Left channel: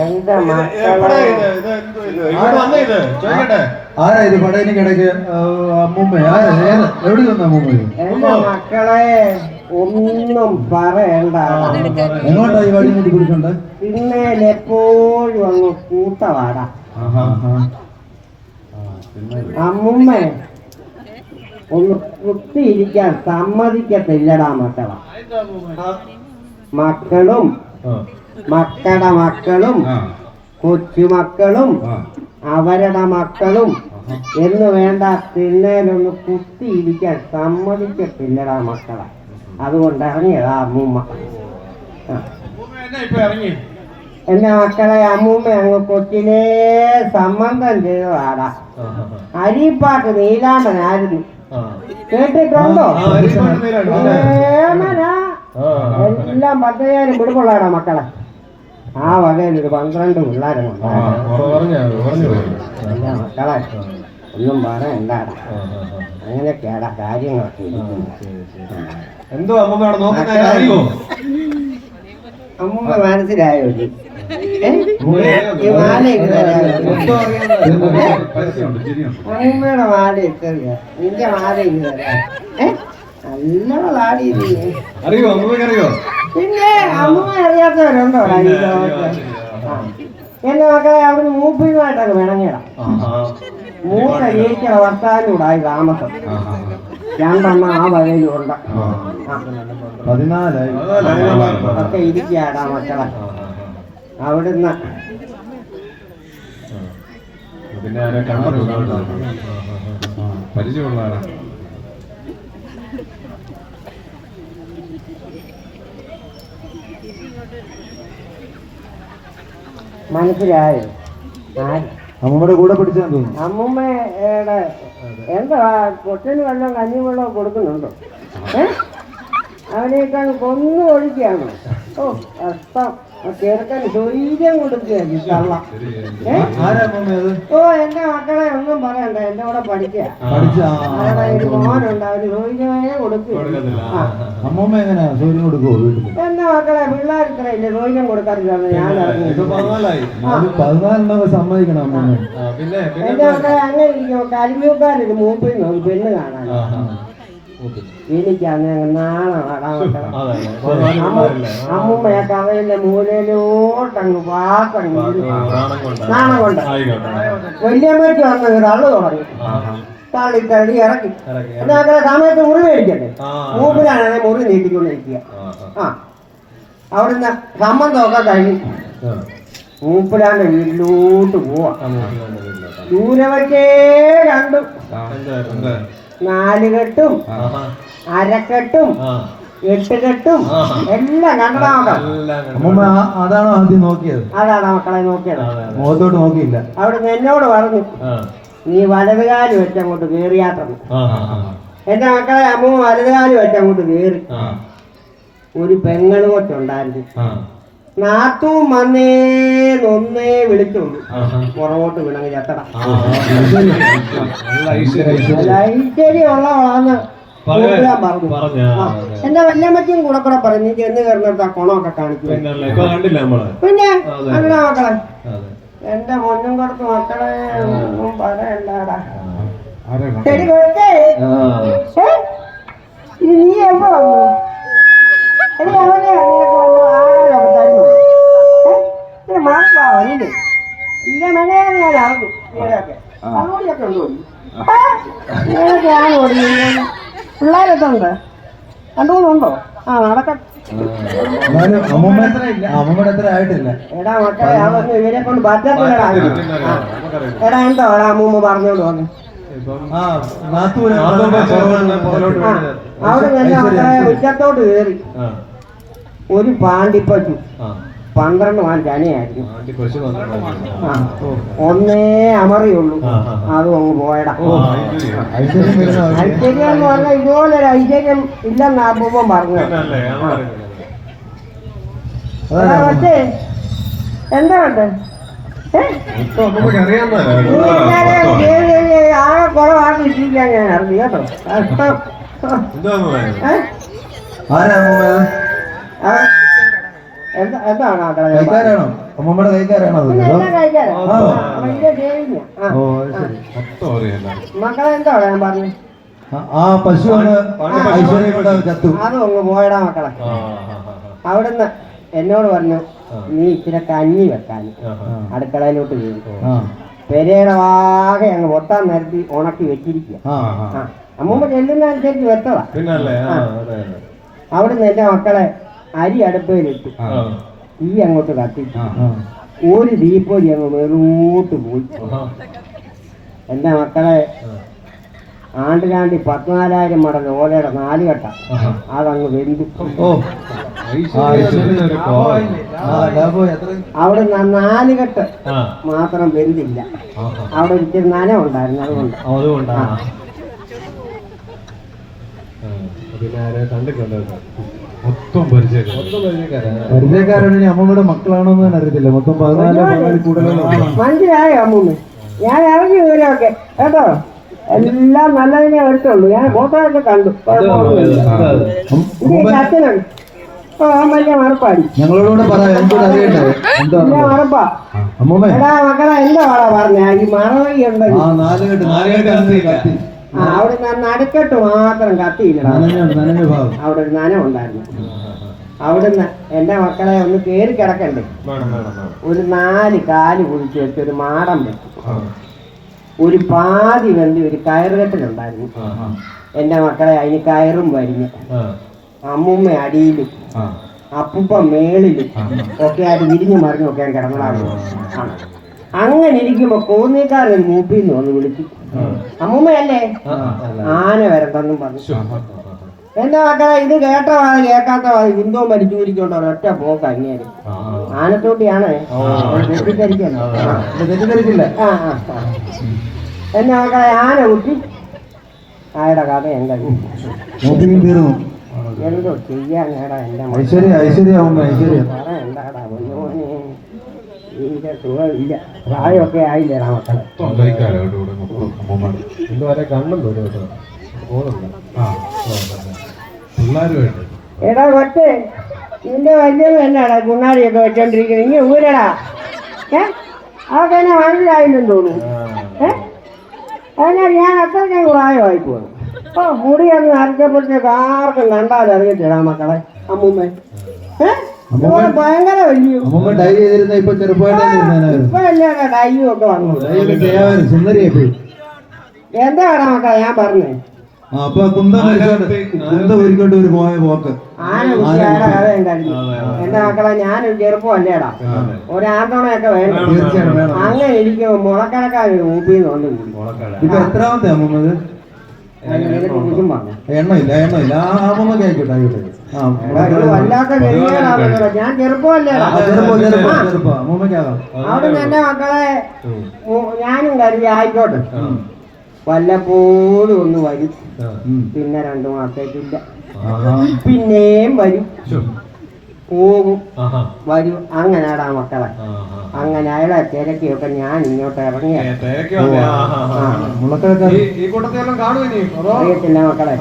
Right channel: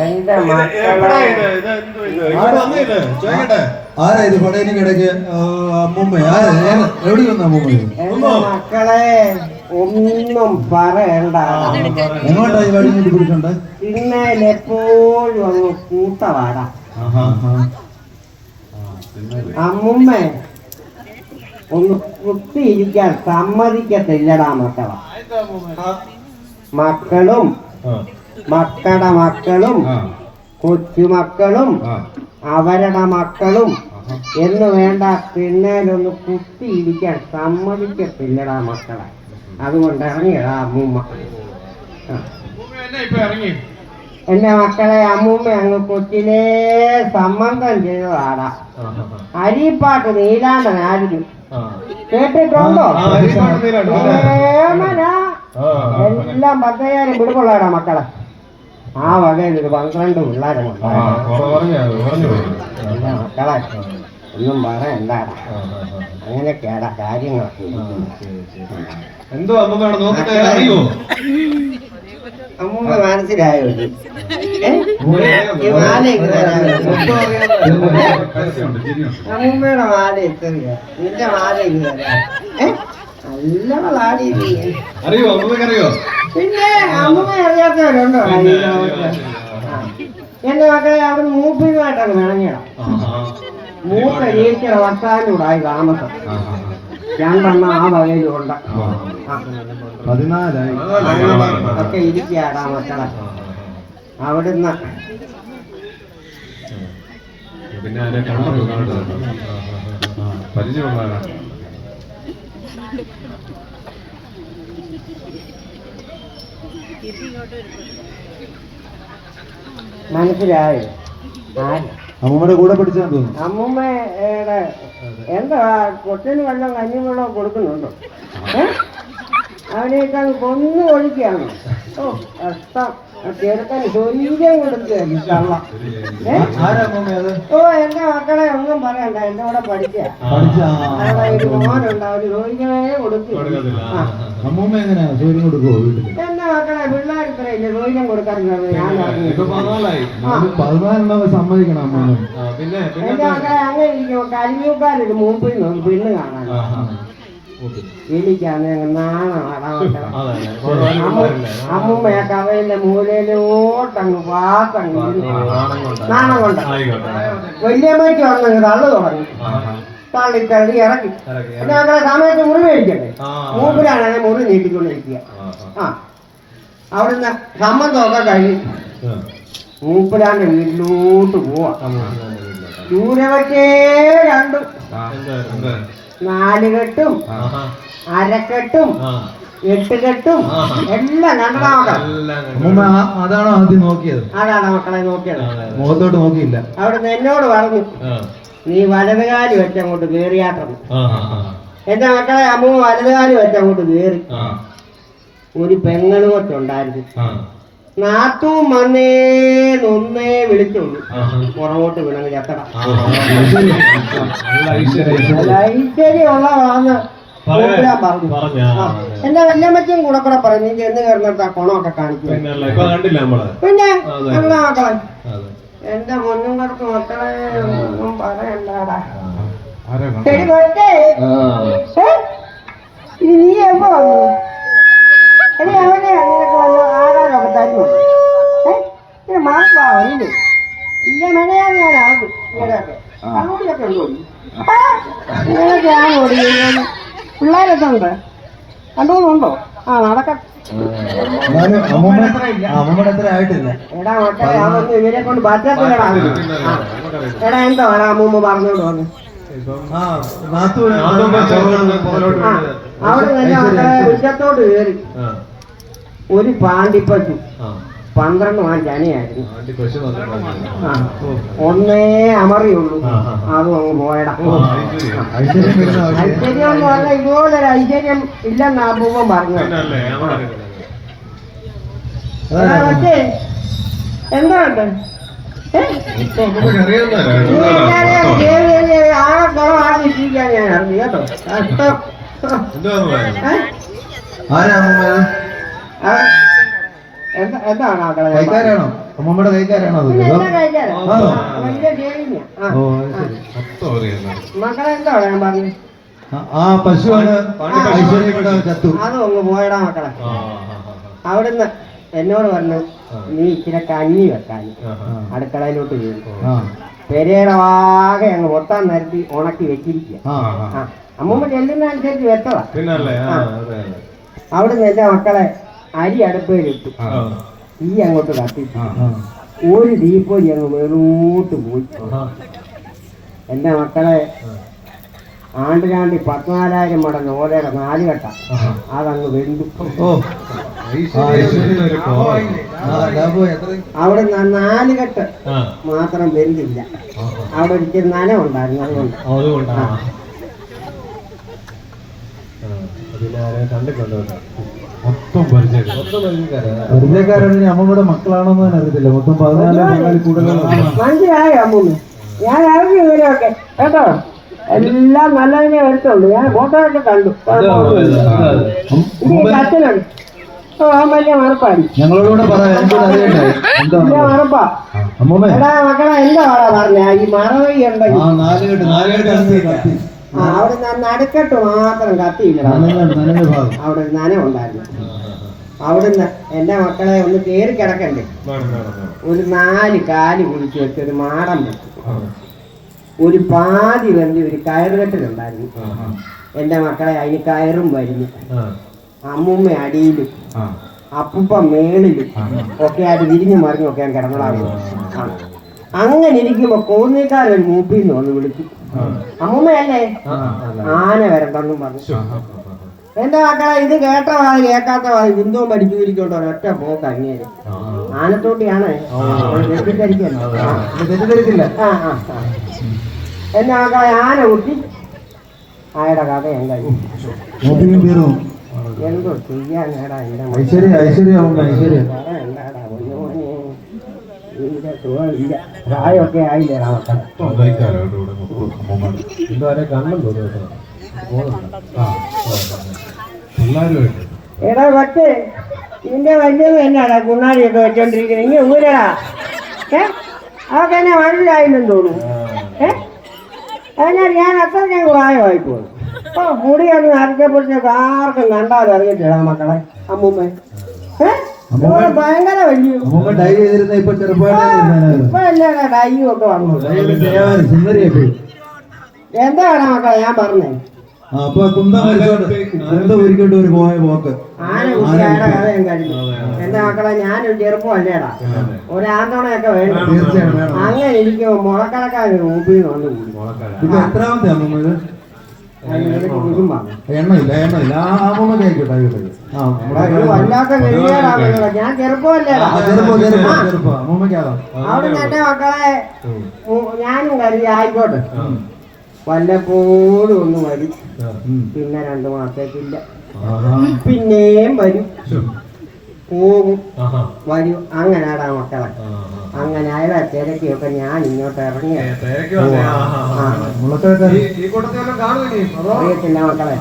എന്റെ. ആരാ ഇത് പടയിന് കിടക്ക്? അമ്മൂമ്മ ആരാ എവിടെ നിന്ന് അമ്മൂമ്മ എന്റെ മക്കളെ ഒന്നും പറയണ്ട. എങ്ങോട്ടാ ഈ വടി നീട്ടി പിടിച്ചോണ്ട് പിന്നെ എപ്പോഴും അങ്ങ് കൂട്ടവാടാ. ആഹാ. ആ. ആ, തിന്നല്ലേ. അമ്മുമ്മ ഒന്ന് കുത്തിയിരിക്കാൻ സമ്മതിക്കത്തില്ലടാ മക്കള. മക്കളും മക്കളുടെ മക്കളും കൊച്ചുമക്കളും. അവരുടെ മക്കളും. എന്ന് വേണ്ട പിള്ളേരൊന്ന് കുത്തിയിരിക്കാൻ സമ്മതിക്കത്തില്ലടാ മക്കളെ. അതുകൊണ്ട് ഇറങ്ങിയടാ അമ്മൂമ്മ. ഇറങ്ങി എന്റെ മക്കളെ അമ്മൂമ്മ അങ്ങ് കൊച്ചിനെ സമ്മതം ചെയ്തതാടാ. അരിപ്പാക്ക് നീലാണ്ടൻ നീലാണ്ടനായിരുന്നു ആ. കേട്ടിട്ടുണ്ടോ? എല്ലാം പത്തയ്യായിരം പിടിപ്പുള്ളാടാ മക്കളെ. ആ വകയിൽ ഒരു പന്ത്രണ്ട് പിള്ളേരെ. എന്റെ മക്കളെ ഒന്നും ആ. അങ്ങനെയൊക്കെയാടാ കാര്യങ്ങളൊക്കെ. എന്തോ അമ്മൂമ്മ മനസ്സിലായോ അമ്മൂമ്മയുടെ മാല ഇത്തറിയ നിന്റെ മാല ഇങ്ങ് തരാം ഏ നല്ലവളാടി നീ. അറിയോ? അറിയോ പിന്നെ അമ്മൂമ്മ അറിയാത്തവരുണ്ടോ. എന്റെ മക്കളെ അവിടെ മൂപ്പിയുമായിട്ടൊക്കെ വിളങ്ങിയണം ആഹാ. മൂപ്പ ജയിക്കണ വർത്താനൂടായി താമസം ആഹാ. രണ്ടെണ്ണം ആ വകയിലുണ്ട്. ഒക്കെ ഇരിക്കാടാ മക്കളെ. അവിടുന്ന്. പിന്നെ പരിചയമുള്ള. മനസ്സിലായോ? അമ്മൂമ്മയുടെ കൂടെ പിടിച്ചാൽ അമ്മൂമ്മയുടെ എന്താ കൊച്ചിന് വെള്ളം കഞ്ഞി വെള്ളം കൊടുക്കുന്നുണ്ടോ? അവനേക്കാൾ കൊന്നു ഒഴിക്കുകയാണ് ഓ കഷ്ടം ആ ചെറുക്കന് സ്വൈര്യം കൊടുക്കുക ഓ എന്റെ മക്കളെ ഒന്നും പറയണ്ട. എന്റെ കൂടെ പഠിക്കുക മോനുണ്ട്. കൊടുക്കുക എന്റെ മക്കളെ പിള്ളേർ ഇത്രയില്ലേ സ്വൈര്യം കൊടുക്കാറില്ലെന്ന് ഞാൻ. സമ്മതിക്കണം എന്റെ മക്കളെ അങ്ങനെ ഇരിക്കും കലിയൂക്കാരൊരു മൂപ്പിൽ നിന്ന് പെണ്ണ് കാണാൻ. എനിക്കാണ്. പതിനാല് അമ്മൂമ്മയൊക്കെ അവരുടെ മൂലയിലോട്ടങ്ങ് ഇരുന്നു. നാണം കൊണ്ട്. വല്യമ്മയ്ക്ക് വന്നങ്ങ് തള്ളു തുടങ്ങി. തള്ളി തള്ളി ഇറക്കി മക്കളെ സമയത്ത് മുറി മേടിക്കണ്ടേ ആ. മൂപ്പിലാണ് മുറി നീട്ടിക്കൊണ്ടിരിക്കുക. ആ അവിടുന്ന് സംബന്ധമൊക്കെ കഴിഞ്ഞു ആ. മൂപ്പിലാന്റെ വീട്ടിലോട്ട് പോവാ ആ. രണ്ടും ആ? നാലുകെട്ടും. അരക്കെട്ടും എട്ടുകെട്ടും എല്ലാം കണ്ടതാ മക്കളെ എല്ലാം കണ്ടു. അമ്മൂമ്മ ആ- അതാണോ ആദ്യം നോക്കിയത് അതാണ് മക്കളെ നോക്കിയത്. മുഖത്തോട്ട് നോക്കിയില്ല അവിടുന്ന് എന്നോട് പറഞ്ഞു നീ വലതുകാലി വെച്ചങ്ങോട്ട് കയറിയാട്ടത് ആ, ആ, ആ. എന്റെ മക്കളെ അമ്മ വലതുകാലി വെച്ചങ്ങോട്ട് കയറി ആ. ഒരു പെങ്ങളും ഉണ്ടായിരുന്നു. നാത്തും വന്നേന്നൊന്നേ വിളിച്ചുള്ളൂ. പുറകോട്ട് വിളങ്ങി. ഐശ്വര്യമുള്ള. എന്റെ വല്യമ്മച്ചും കൂടെ കൂടെ പറഞ്ഞു നീ ചെന്ന് കയറുന്നിടത്ത് ആ കുണമൊക്കെ കാണിക്കും. പിന്നെ. അങ്ങനെ മക്കളെ. എന്റെ പൊന്നും കൊടുത്ത് മക്കളെ ഒന്നും പറയണ്ടാടാ. ശരി കൊച്ചേ? നീ എപ്പോ വന്നു? എടി അവനെ തരുന്നു ഇല്ല? മഴയാണ് ഞാൻ ഇങ്ങനെയൊക്കെ. പിള്ളേരൊക്കെ ഉണ്ട്. രണ്ടു മൂന്നുണ്ടോ ആ നടക്കട്ടെ എടാ ഇവരെ കൊണ്ട് എന്താ അമ്മൂമ്മ പറഞ്ഞോണ്ട് അവിടെ ഉച്ചത്തോട്ട് കയറി. ഒരു പാണ്ടിപ്പറ്റു ആ. പന്ത്രണ്ട് മാൻ അനിയായിരുന്നു ഒന്നേ അമറിയുള്ളൂ. അതും അങ്ങ് പോയടാ. ഐശ്വര്യം. പറഞ്ഞ ഇതുപോലെ ഒരു ഐശ്വര്യം എന്ന് പറഞ്ഞാൽ ഇതുപോലൊരു ഐശ്വര്യം ഇല്ലെന്ന് അമ്മൂമ്മ പറഞ്ഞു എന്താണ്ട്? ആ കുറവാണ് ഞാൻ അറിഞ്ഞു കേട്ടോ. കഷ്ടം. ആരാ അമ്മൂമ്മ ഇത്? ആ, എന്താ എന്താണ്? കൈക്കാരാണോ അമ്മൂമ്മയുടെ കൈക്കാരാണോ മക്കളെ എന്താ പറഞ്ഞു? ആ, പശുവാണ് ചത്തു. അതൊന്ന് പോയടാ മക്കളെ. ആ ആ അവിടുന്ന് എന്നോട് പറഞ്ഞു നീ ഇച്ചിരി കഞ്ഞി വെക്കാൻ. അടുക്കളയിലോട്ട് ചെയ്തു പെരേടവാകെ പെരയുടെ ആകെ അങ്ങ് ഒട്ടാൻ നിരത്തി ഉണക്കി വെച്ചിരിക്കുക അമ്മൂമ്മ ചെല്ലുന്ന അനുസരിച്ച് വെച്ചതാ അതെ. അവിടുന്ന് എന്റെ മക്കളെ അരി അടുപ്പയിലിട്ടു ഈ തീ അങ്ങോട്ട് കത്തിച്ചു. ആ. ഒരു ദീപ്പോരി അങ്ങ് വെറുങ്ങോട്ട് പോയി. എന്റെ മക്കളെ ആണ്ടിനാണ്ടി പതിനാലായിരം മടങ്ങ് ഓലയുടെ നാല് കെട്ട. അതങ്ങ് വെന്തു. അവിടെ നാല് കെട്ട് മാത്രം വെന്തില്ല. അവിടെ ഒരിക്കൽ നനവുണ്ടായിരുന്നു അതുകൊണ്ട്. അതുകൊണ്ടാണ് പിന്നെ കണ്ടിട്ടുണ്ടോ മൊത്തം പരിചയം മൊത്തം പരിചയക്കാരാ. പരിചയക്കാരാണ് അമ്മൂമ്മയുടെ മക്കളാണോന്ന് തന്നെ അറിയത്തില്ല. മൊത്തം പതിനാല് പതിനാല് കൂടുതലാണ് മനസ്സിലായോ അമ്മൂന്ന് ഞാൻ ഇറങ്ങി ഇവരൊക്കെ കേട്ടോ? എല്ലാം നല്ലതിനെ വരത്തുള്ളൂ. ഞാൻ ഫോട്ടോ ഒക്കെ കണ്ടു ഓ വലിയ മറപ്പാടി ഞങ്ങളോട് മറപ്പാ അമ്മൂമ്മ? എടാ മക്കളെ പാടാ പറഞ്ഞ? ഈ മറവി ഉണ്ടെങ്കിൽ. അവിടെ നിന്ന് നടുക്കെട്ട് മാത്രം കത്തിയില്ല. അവിടെ ഒരു നനവുണ്ടായിരുന്നു അവിടുന്ന് എന്റെ മക്കളെ ഒന്ന് കേറി കിടക്കണ്ടേ? ഒരു നാല് കാൽ കുളിച്ച് വെച്ച് ഒരു മാറം ഒരു പാതി വെന്തി ഒരു കയറുകെട്ടിലുണ്ടായിരുന്നു എന്റെ മക്കളെ അതിന് കയറും വരുന്നു. അമ്മുമ്മ അടിയിലും അപ്പൂപ്പ മേളിലും ഒക്കെ ആയിട്ട് വിരിഞ്ഞു മറിഞ്ഞൊക്കെ ഞാൻ കിടന്നതാണ്. അങ്ങനെ ഇരിക്കുമ്പോ കോന്നിക്കാരൻ മൂപ്പിന്ന് വന്ന് വിളിച്ചു അമ്മയല്ലേ ആന വരണ്ടെന്നും പറഞ്ഞു. എന്റെ മക്കളെ ഇത് കേട്ട? വാതി കേൾക്കാത്ത വാതി ബിന്ദുവും മരിച്ചു ഇരിക്കൊണ്ടോ ഒറ്റ പോക്ക് അങ്ങേര്. ആനത്തോട്ടിയാണ്. എന്റെ തെറ്റിദ്ധരിക്കില്ല. മക്കളെ ആന കുട്ടി ആയുടെ കഥ എന്താ എന്തോ ചെയ്യാൻ. ഐശ്വര്യ ഐശ്വര്യ ഐശ്വര്യ? ഇതിന്റെ സുഖമില്ല. പ്രായമൊക്കെ ആയില്ലേടാ മക്കളെ എന്താരെ കണ്ണും തോന്നുന്നു കേട്ടോ എടാ കൊച്ചേ നിന്റെ വലിയത് തന്നെയാടാ കുണ്ണാടിയൊക്കെ വെച്ചോണ്ടിരിക്കുന്നത് ഇനി ഊരടാ. ഏ? അതൊക്കെ എന്നെ മനസ്സിലായില്ലെന്ന് തോന്നുന്നു. ഏ? അതിനാൽ ഞാൻ അത്രയ്ക്ക് പ്രായമായി പോകുന്നു ഓ മുടി അന്ന് അരച്ചപ്പോഴത്തേക്ക് ആർക്കും കണ്ടാതെ അറിയത്തില്ല മക്കളെ അമ്മൂമ്മ. ഏ? അമ്മൂമ്മ ഡൈ ചെയ്തിരുന്ന ഇപ്പൊ ചെറുപ്പമായിട്ട് മക്കളെ? ഞാൻ പറഞ്ഞേ. ആ അപ്പൊ കുന്തം വലിച്ചോണ്ട് കുന്തം ഉരുക്കൊണ്ട് ഒരു പോയ പോക്ക്. എന്റെ മക്കളെ? ഞാനൊരു ചെറുപ്പമല്ലേടാ ഒരു ആന്തോണയൊക്കെ വേണം. അങ്ങനെ ഇരിക്കുമ്പോ മുളക്കടക്കാൻ ഊപ്പിന്ന് വന്നു. എത്രാമത്തെ അമ്മൂമ്മ ഇത് കുടിക്കും പറഞ്ഞു എണ്ണയില്ല കേൾക്കട്ടെ. ഞാൻ അവിടെ എന്റെ മക്കളെ ഞാനും കരുതി ആയിക്കോട്ടെ. വല്ലപ്പോഴും ഒന്ന് വരും. പിന്നെ രണ്ടു മാസത്തില്ല. പിന്നെയും വരും. പോകും വരും. അങ്ങനെയാടാ മക്കളെ. അങ്ങനെ അയാളെ തിരക്കിയൊക്കെ ഞാൻ ഇങ്ങോട്ട് ഇറങ്ങി അറിയത്തില്ല മക്കളെ.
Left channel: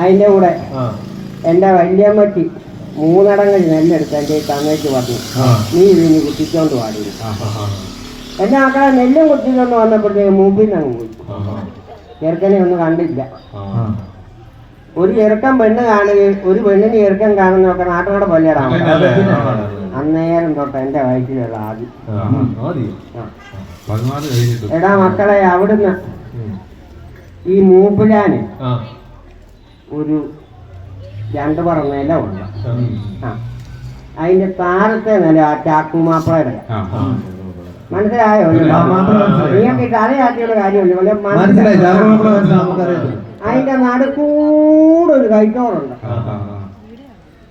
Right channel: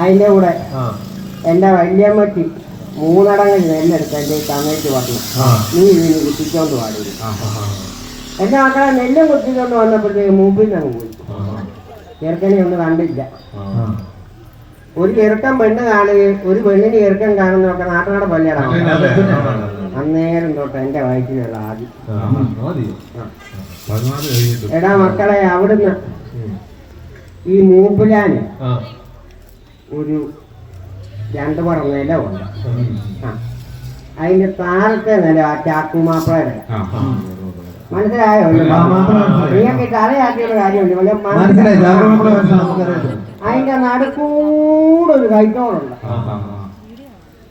അതിന്റെ കൂടെ എന്റെ വല്യമ്മക്ക് മൂന്നടങ്ങൾ നെല്ലെടുത്ത് എന്റെ ഈ പറഞ്ഞു നീ ഇതിന് കുത്തിച്ചോണ്ട് പാടില്ല. എന്റെ മക്കളെ നെല്ലും കുത്തിക്കൊണ്ട് വന്നപ്പോഴത്തേക്ക് മുമ്പിൽ നിന്ന് അങ്ങ് പോയി. ചെറുക്കനെ ഒന്നും കണ്ടില്ല. ഒരു ചെറുക്കൻ പെണ്ണ് കാണുകയും ഒരു പെണ്ണിന് ചെറുക്കൻ കാണുന്നതൊക്കെ നാട്ടുകാരുടെ കൊല്ലടാണ് അന്നേരം തൊട്ട് എന്റെ വയറ്റിലുള്ള ആദ്യം. എടാ മക്കളെ അവിടുന്ന് ഈ മൂപ്പിലാന് ഒരു രണ്ട് പറ നില ആ. അതിന്റെ താഴത്തെ നില ആ ചാക്കുമാപ്പിളയുടെ മനസ്സിലായോ? നീയൊക്കെ തലയാക്കിയുള്ള കാര്യമുണ്ട്. അതിന്റെ നടുക്കൂടെ ഒരു കൈത്തോറുണ്ട്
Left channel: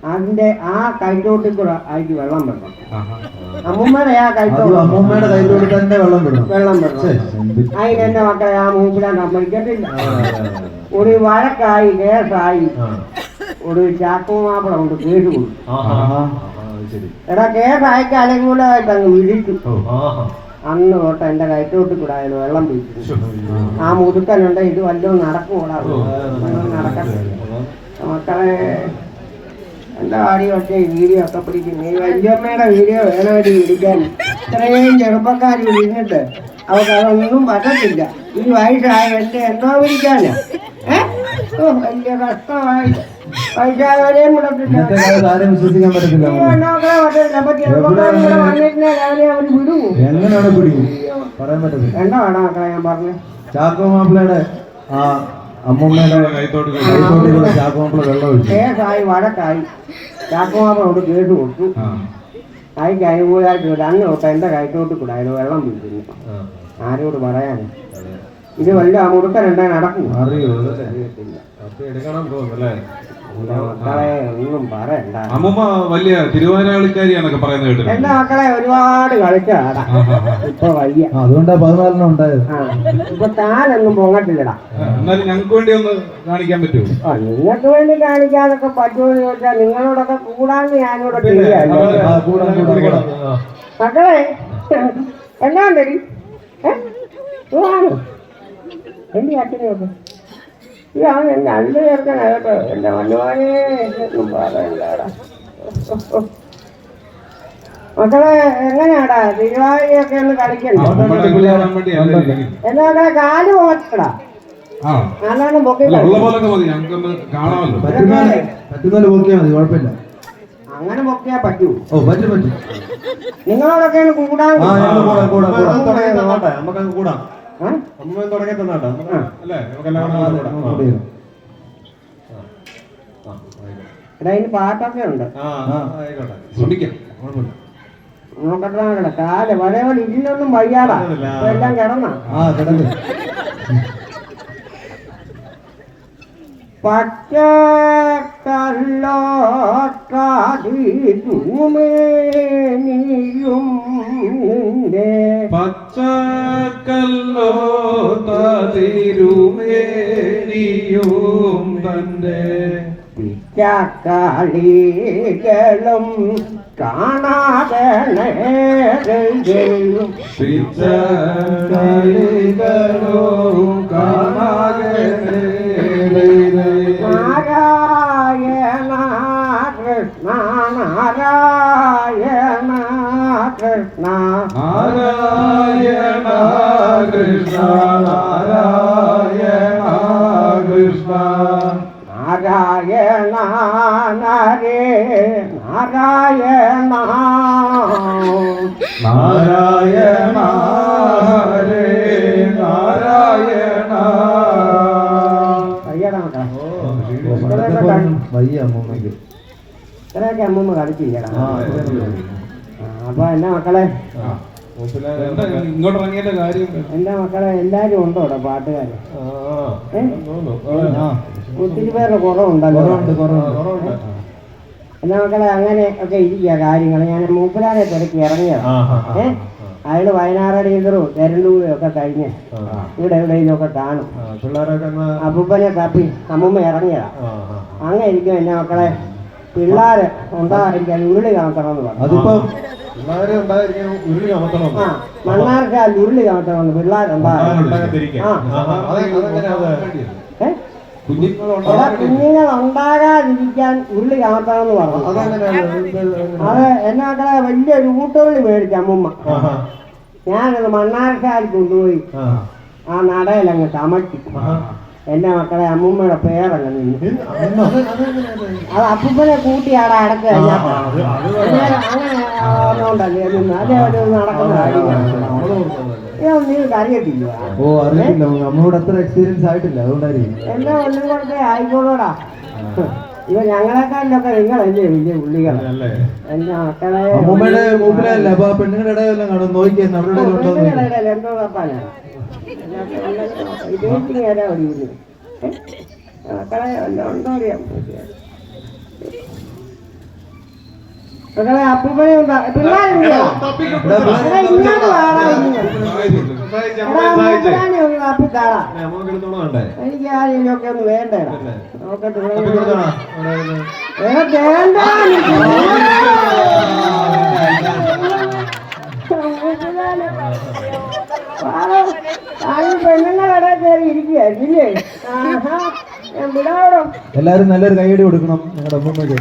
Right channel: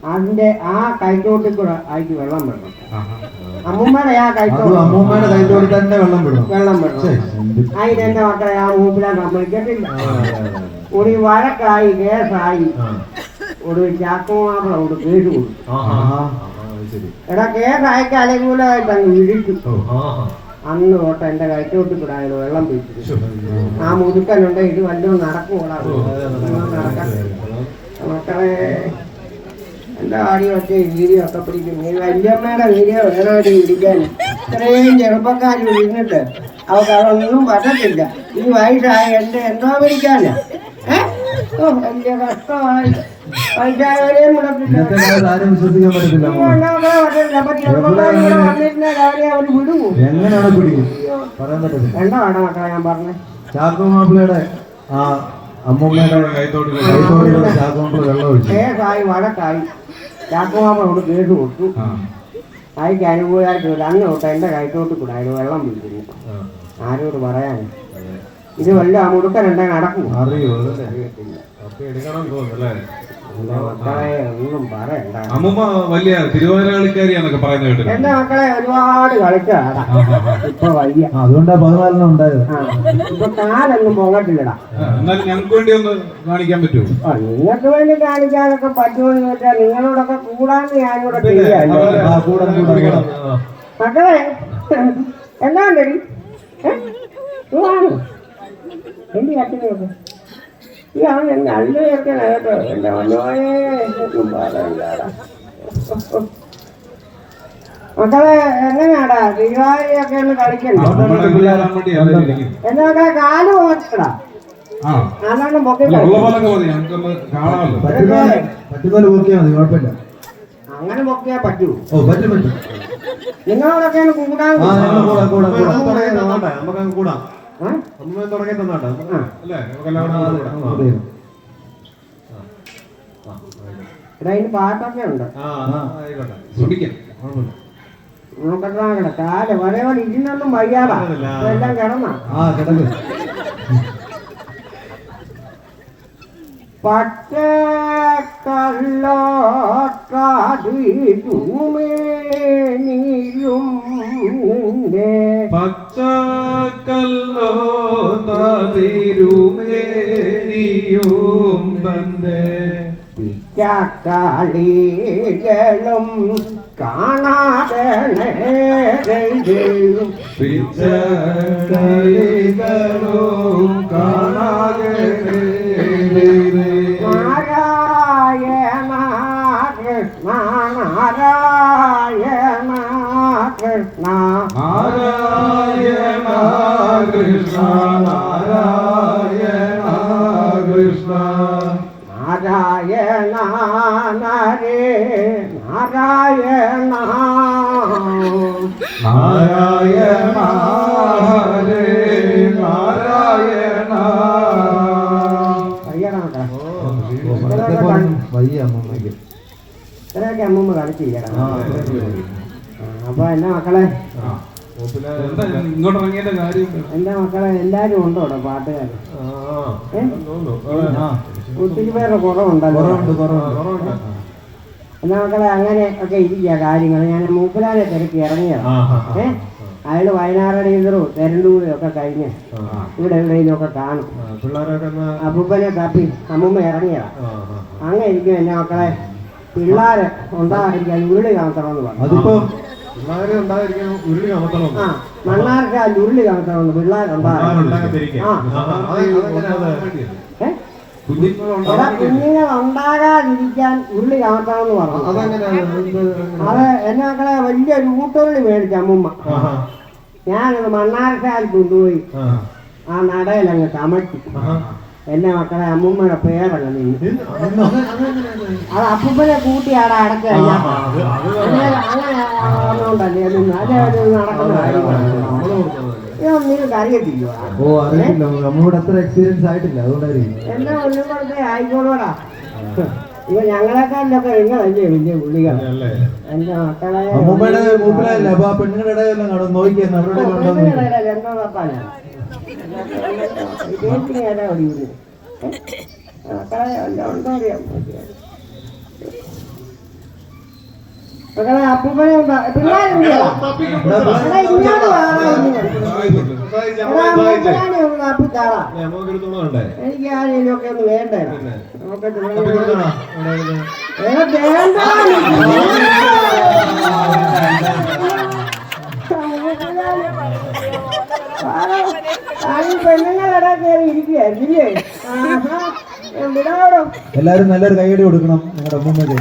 അതിന്റെ ആ കൈത്തോട്ടിൽ കൂടെ അതിക്ക് വെള്ളം വിടണം. അമ്മൂമ്മയുടെ ആ കൈത്തോട് അമ്മൂമ്മയുടെ കയ്യിലോട് തന്നെ വെള്ളം വിടണം. വെള്ളം വിടണം. എന്ത് അതിനെന്റെ മക്കളെ ആ മൂപ്പിലാൻ സമ്മതിക്കത്തില്ല. ഒരു വഴക്കായി കേസായി ഒരു ചാക്കുമാപ്പിള കൊണ്ട് കേട്ടു കൊടുത്തു. എടാ കേസ് അലങ്കൂലായിട്ട് അങ്ങ് വിളിച്ചു അന്ന് തൊട്ട് എന്റെ കയറ്റോട്ട് കൂടെ അതിന് വെള്ളം പിടിച്ചു ആ മുതുക്കനുണ്ട് ഇത് വല്ലതും നടക്കൂടാ നടക്കാൻ. മക്കളെ ഒറ്റ വീഡിയോ ഒക്കെ പിടിക്കുന്നു ഈ വല്യമ്മയുടെ വീഡിയോ വേണമടി പിടിക്കാൻ ഇത്രയും ചെറുപ്പക്കാർ ഇരുന്നിട്ട് അവർക്ക് അതൊന്നും പറ്റത്തില്ല. ഈ വയസ്സായ എന്റെ എന്തോ പിടിക്കാനാ ഏഹ് ഓ വലിയ കഷ്ടമായി. വയസ്സായവരെയും വിടുവോ? മക്കളെ ഞാൻ പറഞ്ഞേ? ചാക്കോ മാപ്പിളയുടെ ആ അമ്മൂമ്മയുടെ കൈത്തോട്ട് കൈത്തോട്ടിലുള്ള ചാക്കോ മാപ്പിള വെള്ളം ഒഴിച്ചു. കേസായി വഴക്കായി. ചാക്കുമാപ്പോട് കേസ് കൊടുത്തു. കൈക്ക് അനുകൂലമായിട്ട് അന്ന് തൊട്ട് എന്റെ കൈത്തോട്ട് കൂടെ അതിന് വെള്ളം പിടിക്കുന്നു ആരോട് പറയാൻ? ഇത് വല്ല മുടുക്കനുണ്ടെ നടക്കും ഒന്നും പറയണ്ട. അമ്മമ്മ വലിയ തിരുവാരാളിക്കാരിയാന്നൊക്കെ പറയുന്നത് കേട്ടിട്ടുണ്ട്. എന്റെ മക്കളെ ഒരുപാട് കളിച്ചതാടാ. ഇപ്പൊ വയ്യ. ആ, അതുകൊണ്ടാ പതിനാലിനും ഉണ്ടായത്. ആ ഇപ്പൊ താനൊന്നും പോകട്ടില്ലടാ ആ, എന്നാലും ഞങ്ങൾക്ക് വേണ്ടി ഒന്ന് കാണിക്കാൻ പറ്റുമോ? ആ നിങ്ങൾക്ക് വേണ്ടി കാണിക്കാനൊക്കെ പറ്റുമെന്ന് ചോദിച്ചാൽ നിങ്ങളോടൊക്കെ കൂടാന്ന് ഞാനിവിടെ മക്കളെ എന്നാ ഉണ്ടടി? എന്റെ അച്ഛനൊക്കെ ഇതാണ് എന്റെ അല്ല ചേർക്കണ കേട്ടോ എന്റെ മണ്ണുവാനേ എന്നും പറയണ്ടാടാ. മക്കളെ എങ്ങനെയാടാ? തിരുവാതിരയൊക്കെ ഒന്ന് കളിക്കണ്ടേ. എന്നാ മക്കളെ കാൽ പോകട്ടടാ ആ. നല്ലോണം പൊക്കി ഉള്ള കളിക്കണം. പോലൊക്കെ മതി. ഞങ്ങൾക്കൊന്ന് കാണാമല്ലോ. പറ്റുന്നാൽ പറ്റുന്നാൽ നോക്കിയാൽ അങ്ങനെ പൊക്കിയാ പറ്റൂ. ഓ പറ്റും പറ്റും. നിങ്ങളോടൊക്കെ ഒന്ന് കൂടാൻ കൂടാം. കൂടാം കൂടാം നമുക്ക് കൂടാം. തുടങ്ങി തന്നാട്ടെ. അല്ലേ? എല്ലാവരും അതിന് പാട്ടൊക്കെ ഉണ്ട്. ശ്രമിക്കാം. കുഴപ്പമില്ല. കാൽ എല്ലാം കിടന്ന? തന്റെ വന്ന് കാണാതെ പിച്ചക്കളികളോ കാണാതെ നാരായണ കൃഷ്ണ നാരായണ കൃഷ്ണ. നാരായണ കൃഷ്ണ. നാരായണ ഹരേ നാരായണ. വയ്യ അമ്മൂമ്മയ്ക്ക് ഇത്രയൊക്കെ അമ്മമ്മ അത്രയൊക്കെ മതി. അപ്പൊ എന്റെ മക്കളെ എന്റെ മക്കളെ എല്ലാരും ഉണ്ടോ ഇവിടെ പാട്ടുകാര്. ഒത്തിരി പേരുടെ കുറവുണ്ടല്ലോ. കുറവുണ്ട് കുറവുണ്ട്. എന്നാ മക്കളെ അങ്ങനെ ഒക്കെ ഇരിക്കുക കാര്യങ്ങൾ ഞാൻ മൂപ്പലാനെ തിരക്കി ഇറങ്ങിയ അയാൾ വയനാട് ടീച്ചറും തെരണ്ടൂരും ഒക്കെ കഴിഞ്ഞ് ഇവിടെ എവിടെയെങ്കിലും ഒക്കെ കാണും അപ്പൂപ്പനെ തപ്പി അമ്മൂമ്മ ഇറങ്ങിയതാ അങ്ങനെ ഇരിക്കും എന്നെ മക്കളെ പിള്ളേര് ഉണ്ടായിരിക്കാൻ ഉരുളി കാണിക്കണമെന്ന് പറഞ്ഞു ഉണ്ടായിരിക്കാൻ ഉരുളി കാണത്തണം ആ ഉരുളി പിള്ളേരുണ്ടാകും ആ ഏ ഉള്ളി കുഞ്ഞുങ്ങൾ ഉണ്ടാകാതിരിക്കാൻ ഉരുളി കാണിക്കണമെന്ന് പറഞ്ഞു അത് എന്നെ മക്കളെ വലിയൊരു കൂട്ടുള്ളി മേടിച്ച അമ്മൂമ്മ. ഞാനത് മണ്ണാർക്കാൽ കൊണ്ടുപോയി ആ നടയിൽ അങ്ങ് കമഴ്ത്തി എന്റെ മക്കളെ അമ്മൂമ്മയുടെ പേരങ്ങ് നീ അത് അപ്പൂപ്പനെ കൂട്ടിയാടെ അടച്ചു കഴിഞ്ഞാൽ അങ്ങനെ അങ്ങനെ ഒന്നുണ്ടല്ലേ നിന്ന് അതേ ഒരു നടക്കുന്ന കാര്യമാണ് ഇതൊന്നും നിങ്ങൾക്ക് അറിയത്തില്ല. ഓ അറിയില്ല നമ്മളോട് അത്ര എക്സ്പീരിയൻസ് ആയിട്ടില്ല. അതുകൊണ്ടായിരിക്കും. എന്റെ ഒന്നുകൂടെ ആയിക്കോളൂടാ. ഇത് ഞങ്ങളെക്കാളിലൊക്കെ നിങ്ങളല്ലേ വലിയ പുള്ളികൾ. എന്റെ മക്കളെ അമ്മൂമ്മയുടെ മൂപ്പിലല്ല? അപ്പൊ ആ പെണ്ണുങ്ങളുടെ ഇടയിലെല്ലാം കാണും നോക്കിയെന്ന് അവരുടെ എന്ന്. പെണ്ണുങ്ങളുടെ തപ്പാനാ ഇരുപത്തി ഏതാ ഒടിയുന്നു മക്കളെ ഉണ്ടോ അറിയാം മക്കളെ അപ്പൂപ്പനെ പിള്ളേരുണ്ടോ. ഇങ്ങോട്ട് വാടാ, ഇങ്ങോട്ട്. എടാ, അപ്പൂപ്പനെ ഒന്ന്. എനിക്ക് വേണ്ടേ? പെണ്ണുങ്ങളുടെ കയറി ഞാൻ വിടാവോ എല്ലാരും നല്ലൊരു കൈയടി കൊടുക്കണം നിങ്ങളുടെ അമ്മൂമ്മയ്ക്ക്.